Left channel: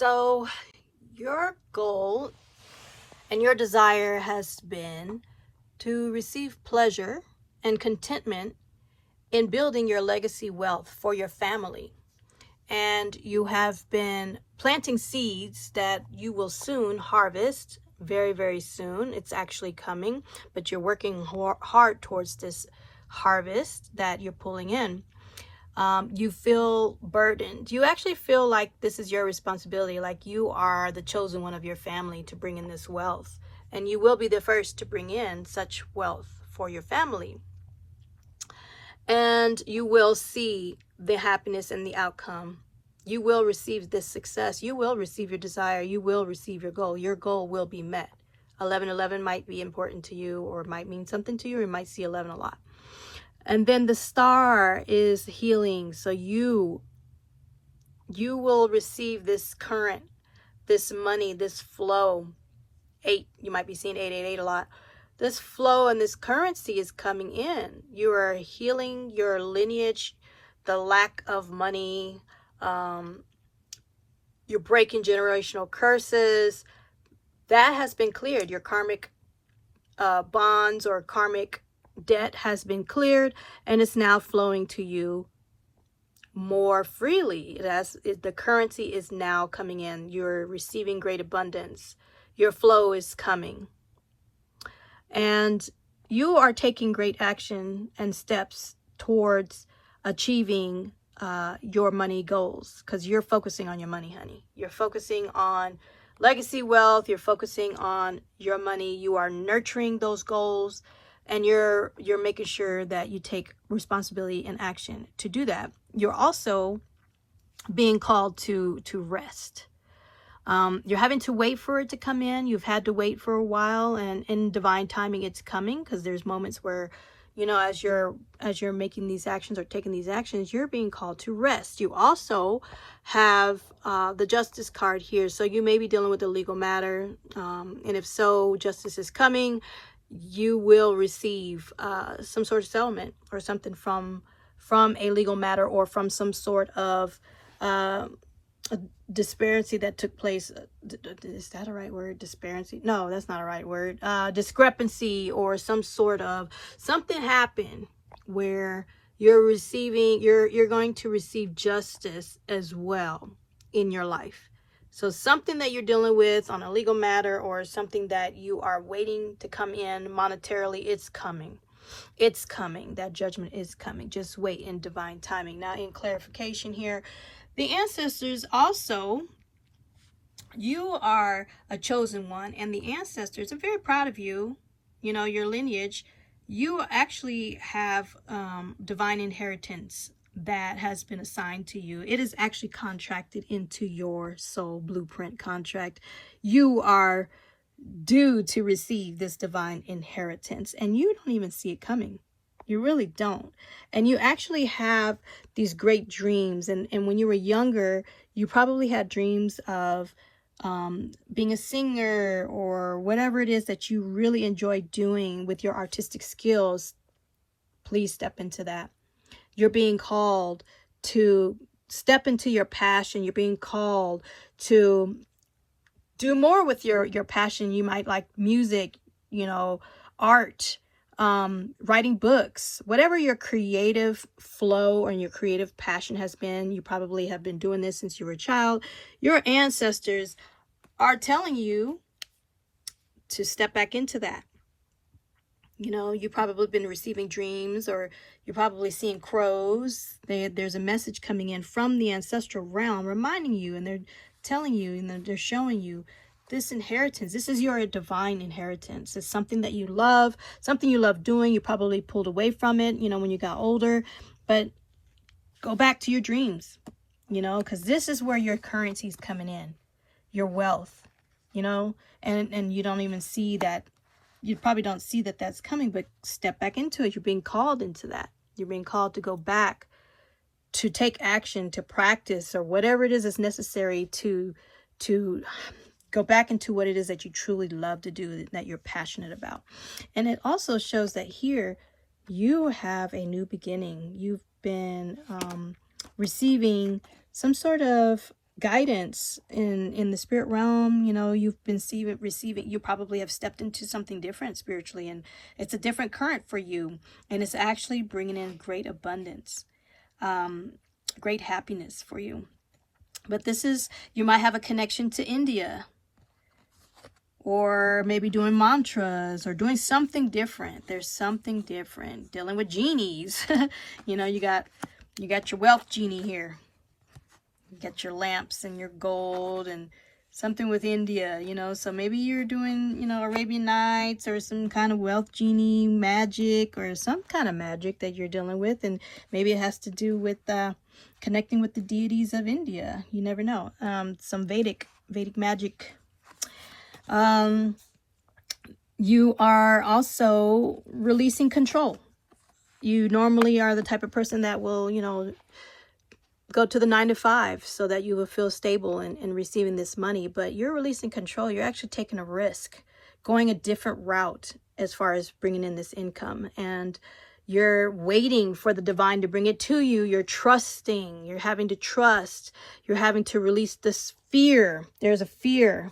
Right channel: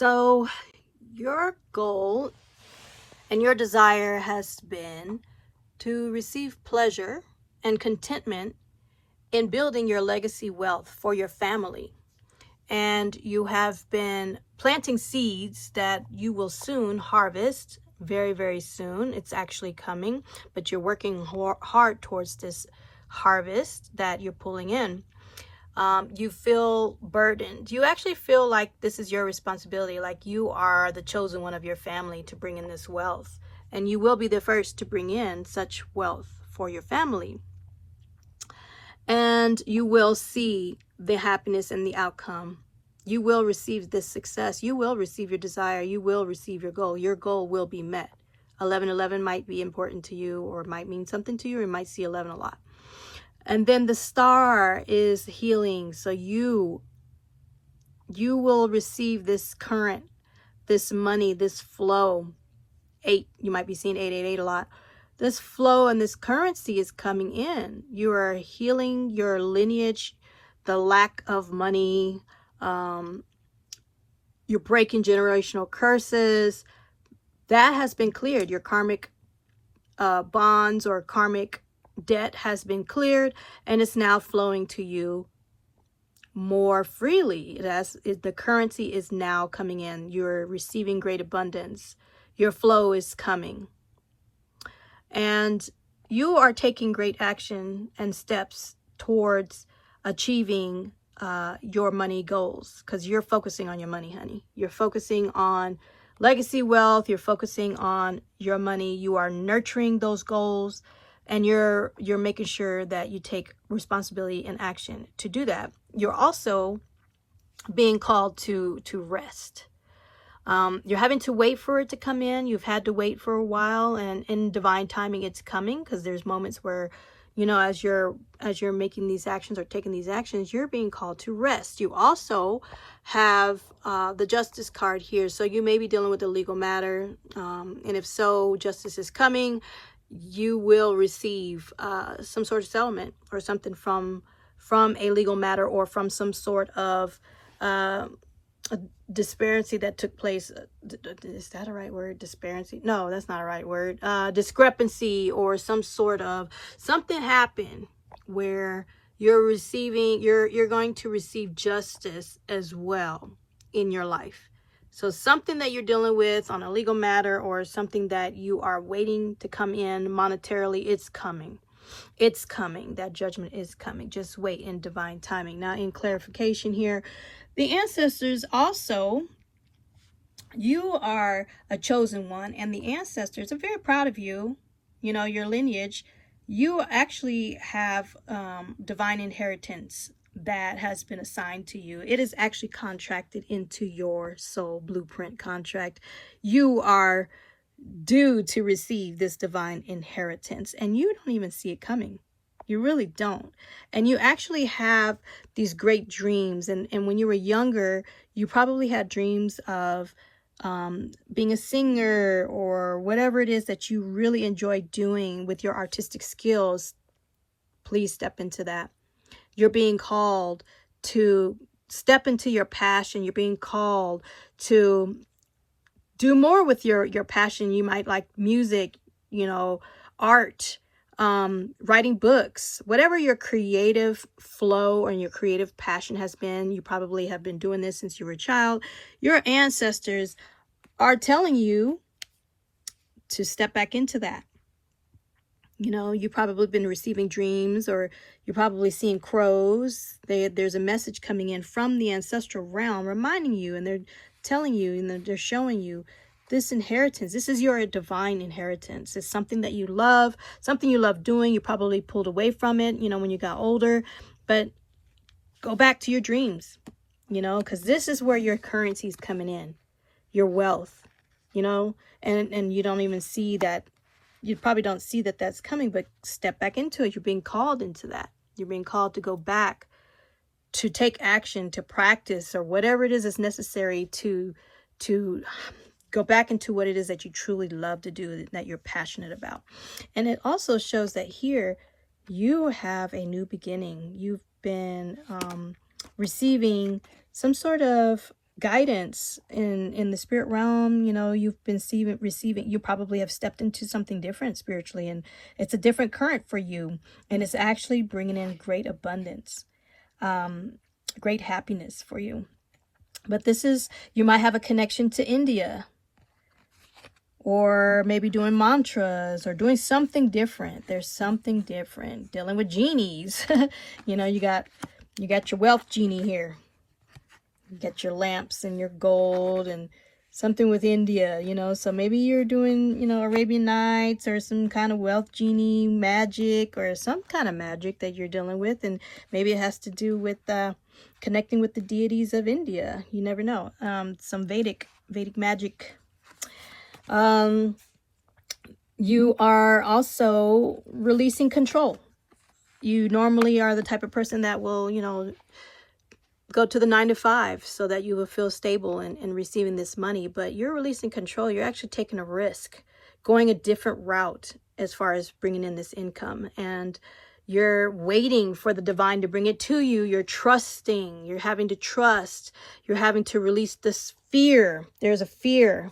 So your goal and your desire has been to receive pleasure and contentment in building your legacy wealth for your family. And you have been planting seeds that you will soon harvest, very, very soon. It's actually coming, but you're working hard towards this harvest that you're pulling in. You feel burdened. You actually feel like this is your responsibility, like you are the chosen one of your family to bring in this wealth. And you will be the first to bring in such wealth for your family. And you will see the happiness and the outcome. You will receive this success. You will receive your desire. You will receive your goal. Your goal will be met. 1111 might be important to you, or might mean something to you, or you might see 11 a lot. And then the star is healing. So you will receive this current, this money, this flow. 8, you might be seeing 888 a lot. This flow and this currency is coming in. You are healing your lineage, the lack of money. You're breaking generational curses. That has been cleared. Your karmic bonds or karmic debt has been cleared, and it's now flowing to you more freely. The currency is now coming in. You're receiving great abundance. Your flow is coming. And you are taking great action and steps towards achieving your money goals, because you're focusing on your money, honey. You're focusing on legacy wealth. You're focusing on your money. You are nurturing those goals, and you're making sure that you take responsibility and action to do that. You're also being called to rest. You're having to wait for it to come in. You've had to wait for a while, and in divine timing, it's coming, because there's moments where, you know, as you're making these actions or taking these actions, you're being called to rest. You also have the Justice card here. So you may be dealing with a legal matter. And if so, justice is coming. You will receive some sort of settlement or something from a legal matter, or from some sort of a disparity that took place. Is that a right word? Disparity? No, that's not a right word. Discrepancy, or some sort of something happened where you're going to receive justice as well in your life. So something that you're dealing with on a legal matter, or something that you are waiting to come in monetarily, it's coming. It's coming. That judgment is coming. Just wait in divine timing. Now, in clarification here, the ancestors also, you are a chosen one, and the ancestors are very proud of you. You know, your lineage, you actually have divine inheritance that has been assigned to you. It is actually contracted into your soul blueprint contract. You are due to receive this divine inheritance, and you don't even see it coming. You really don't. And you actually have these great dreams. And when you were younger, you probably had dreams of being a singer, or whatever it is that you really enjoy doing with your artistic skills. Please step into that. You're being called to step into your passion. You're being called to do more with your passion. You might like music, you know, art, writing books, whatever your creative flow and your creative passion has been. You probably have been doing this since you were a child. Your ancestors are telling you to step back into that. You know, you've probably been receiving dreams, or you're probably seeing crows. There's a message coming in from the ancestral realm reminding you, and they're telling you, and they're showing you this inheritance. This is your divine inheritance. It's something that you love, something you love doing. You probably pulled away from it, you know, when you got older, but go back to your dreams, you know, because this is where your currency is coming in, your wealth, you know, and you don't even see that. You probably don't see that that's coming, but step back into it. You're being called into that. You're being called to go back, to take action, to practice, or whatever it is that's necessary to go back into what it is that you truly love to do, that you're passionate about. And it also shows that here you have a new beginning. You've been receiving some sort of guidance in the spirit realm. You know, you've been receiving, you probably have stepped into something different spiritually, and it's a different current for you, and it's actually bringing in great abundance, great happiness for you. But this is, you might have a connection to India, or maybe doing mantras or doing something different. There's something different, dealing with genies. You know, you got your wealth genie here. You get your lamps and your gold and something with India, you know. So maybe you're doing, you know, Arabian Nights or some kind of wealth genie magic, or some kind of magic that you're dealing with. And maybe it has to do with connecting with the deities of India. You never know. Some Vedic magic. You are also releasing control. You normally are the type of person that will, you know, go to the 9 to 5 so that you will feel stable and receiving this money. But you're releasing control. You're actually taking a risk, going a different route as far as bringing in this income. And you're waiting for the divine to bring it to you. You're trusting. You're having to trust. You're having to release this fear. There's a fear.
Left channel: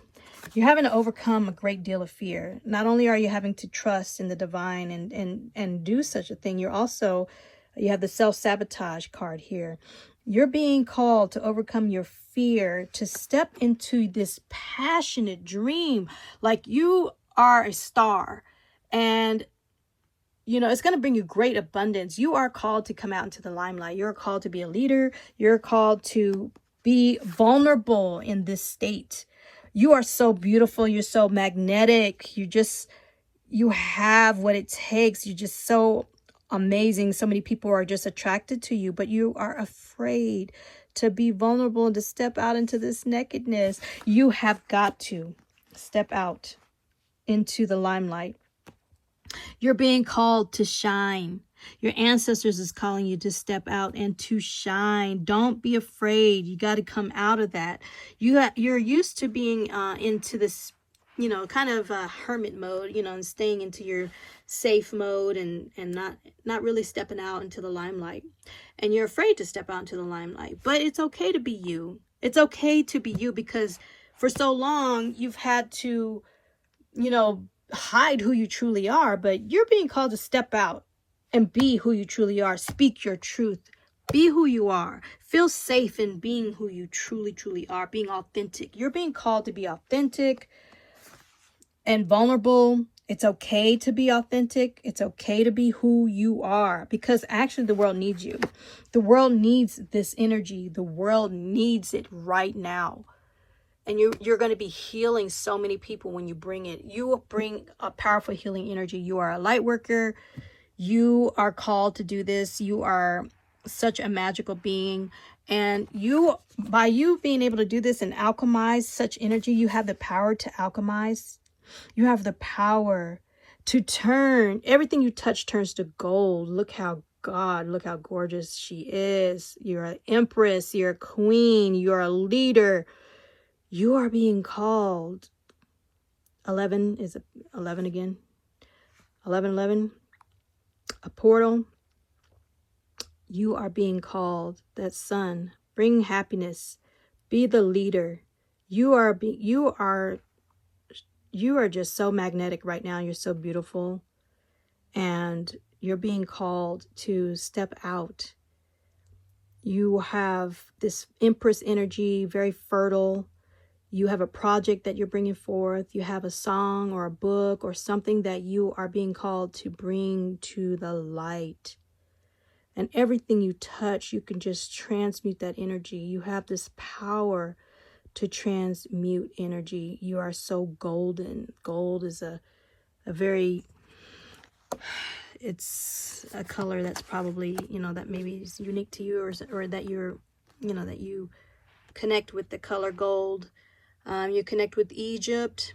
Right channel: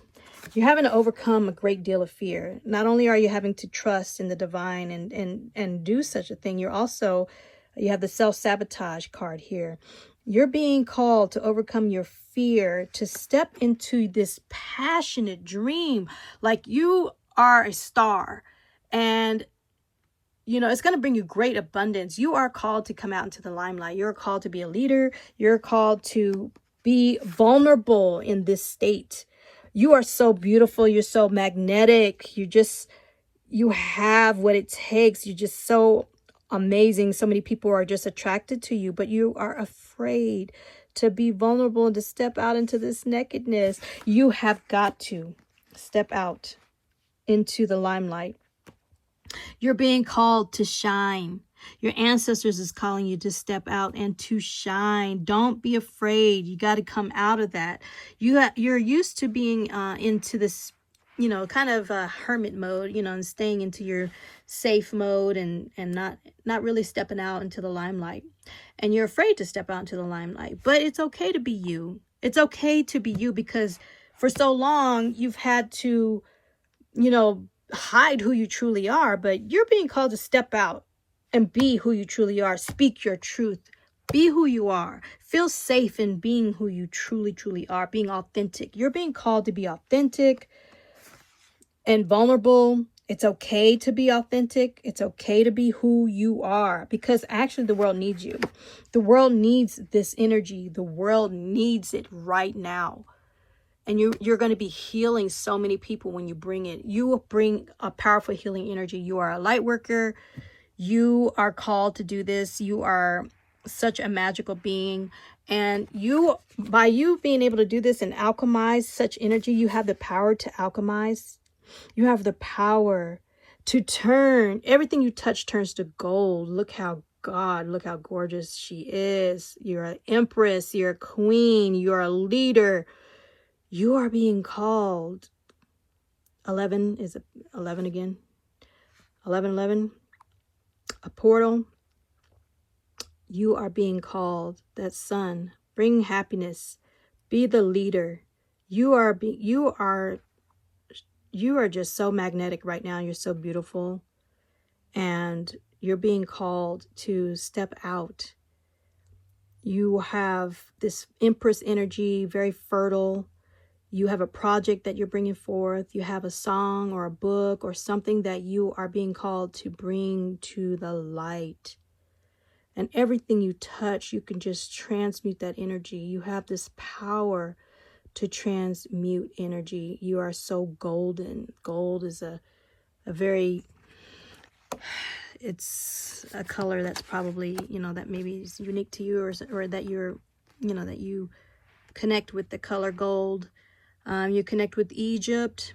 You're having to overcome a great deal of fear. Not only are you having to trust in the divine and do such a thing, you have the self-sabotage card here. You're being called to overcome your fear, to step into this passionate dream. Like you are a star, and you know, it's going to bring you great abundance. You are called to come out into the limelight. You're called to be a leader. You're called to be vulnerable in this state. You are so beautiful. You're so magnetic. You have what it takes. You're just so amazing. So many people are just attracted to you, but you are afraid to be vulnerable and to step out into this nakedness. You have got to step out into the limelight. You're being called to shine. Your ancestors is calling you to step out and to shine. Don't be afraid. You got to come out of that. You're used to being into this, you know, kind of hermit mode, you know, and staying into your safe mode and not really stepping out into the limelight. And you're afraid to step out into the limelight. But it's okay to be you. It's okay to be you, because for so long you've had to, you know, hide who you truly are. But you're being called to step out and be who you truly are. Speak your truth. Be who you are. Feel safe in being who you truly are, being authentic. You're being called to be authentic and vulnerable. It's okay to be authentic. It's okay to be who you are, because actually the world needs you. The world needs this energy. The world needs it right now. And you're going to be healing so many people when you bring it. You bring a powerful healing energy. You are a light worker. You are called to do this. You are such a magical being. And by you being able to do this and alchemize such energy, you have the power to alchemize. You have the power to turn. Everything you touch turns to gold. Look how gorgeous she is. You're an empress. You're a queen. You're a leader. You are being called. 11, is it 11 again? 11, a portal. You are being called. That sun, bring happiness. Be the leader. You are just so magnetic right now. You're so beautiful. And you're being called to step out. You have this Empress energy, very fertile. You have a project that you're bringing forth. You have a song or a book or something that you are being called to bring to the light. And everything you touch, you can just transmute that energy. You have this power to transmute energy. You are so golden. Gold is a very, it's a color that's probably, you know, that maybe is unique to you, or that you're, you know, that you connect with the color gold. You connect with Egypt.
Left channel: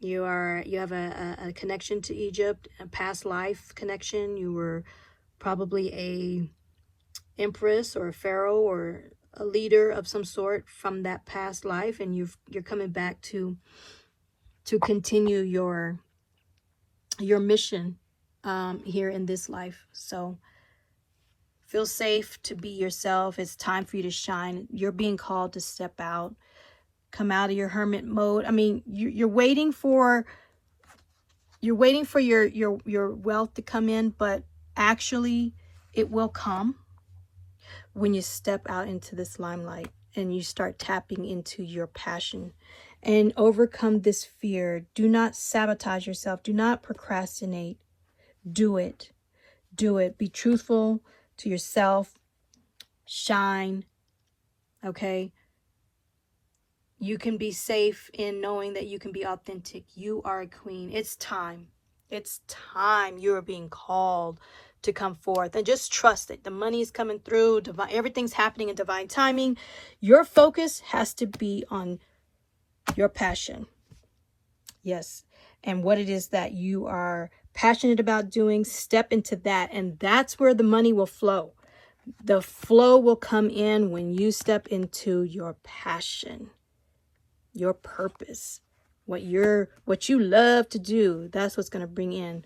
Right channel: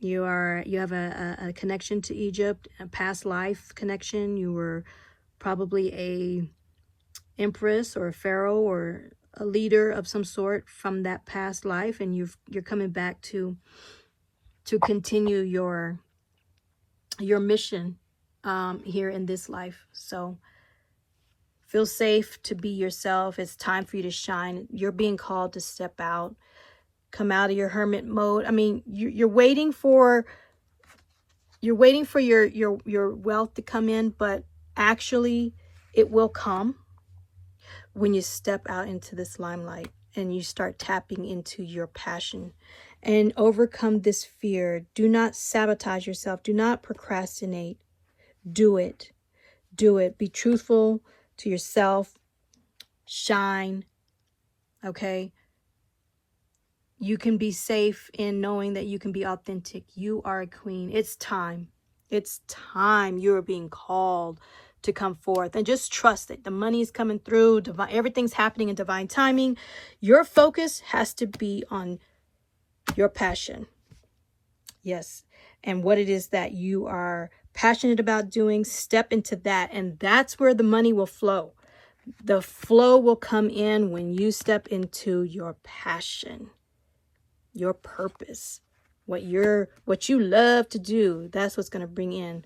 You have a connection to Egypt, a past life connection. You were probably a empress or a pharaoh or a leader of some sort from that past life, and you're coming back to continue your mission here in this life. So Feel safe to be yourself. It's time for you to shine. You're being called to step out. Come out of your hermit mode. I mean, you're waiting for your wealth to come in, but actually it will come when you step out into this limelight and you start tapping into your passion and overcome this fear. Do not sabotage yourself. Do not procrastinate. Do it. Do it. Be truthful to yourself. Shine. Okay? You can be safe in knowing that you can be authentic. You are a queen. It's time. It's time. You are being called to come forth, and just trust it. The money's coming through. Everything's happening in divine timing. Your focus has to be on your passion. Yes. And what it is that you are passionate about doing, step into that. And that's where the money will flow. The flow will come in when you step into your passion, your purpose, what you love to do. That's what's going to bring in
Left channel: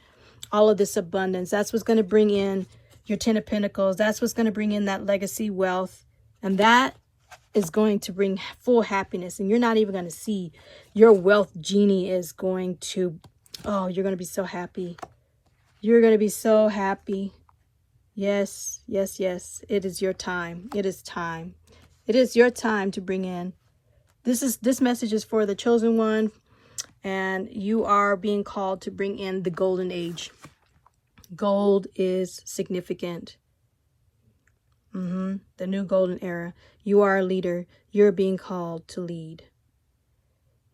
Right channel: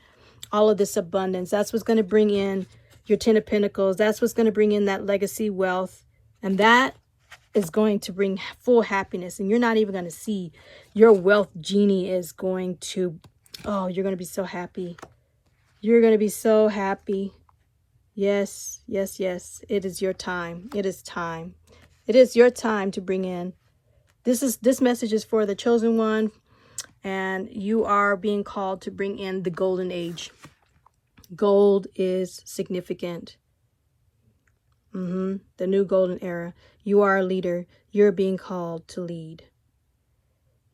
all of this abundance. That's what's going to bring in your 10 of Pentacles. That's what's going to bring in that legacy wealth. And that is going to bring full happiness. And you're not even going to see your wealth genie is going to, oh, you're going to be so happy. You're going to be so happy. Yes, yes, yes. It is your time. It is time. It is your time to bring in. This message is for the chosen one, and you are being called to bring in the golden age. Gold is significant. The new golden era. You are a leader. You're being called to lead.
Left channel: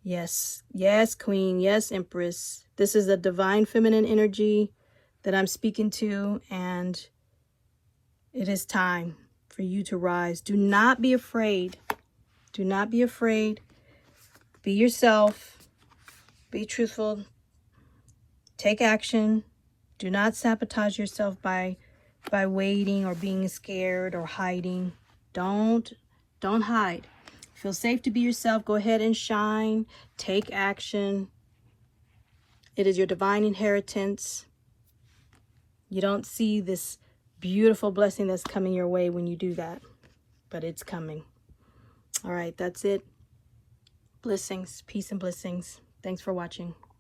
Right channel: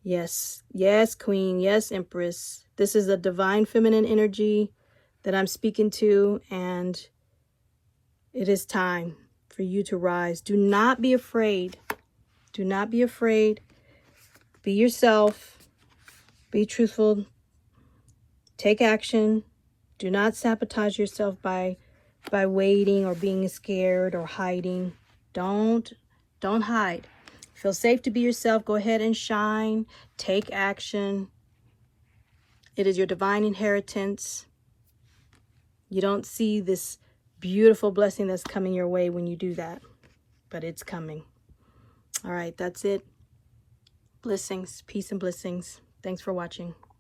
Yes. Yes, Queen. Yes, Empress. This is the divine feminine energy that I'm speaking to, and it is time for you to rise. Do not be afraid. Do not be afraid. Be yourself. Be truthful. Take action. Do not sabotage yourself by waiting or being scared or hiding. Don't hide. Feel safe to be yourself. Go ahead and shine. Take action. It is your divine inheritance. You don't see this beautiful blessing that's coming your way when you do that, but it's coming. All right, that's it. Blessings, peace and blessings. Thanks for watching.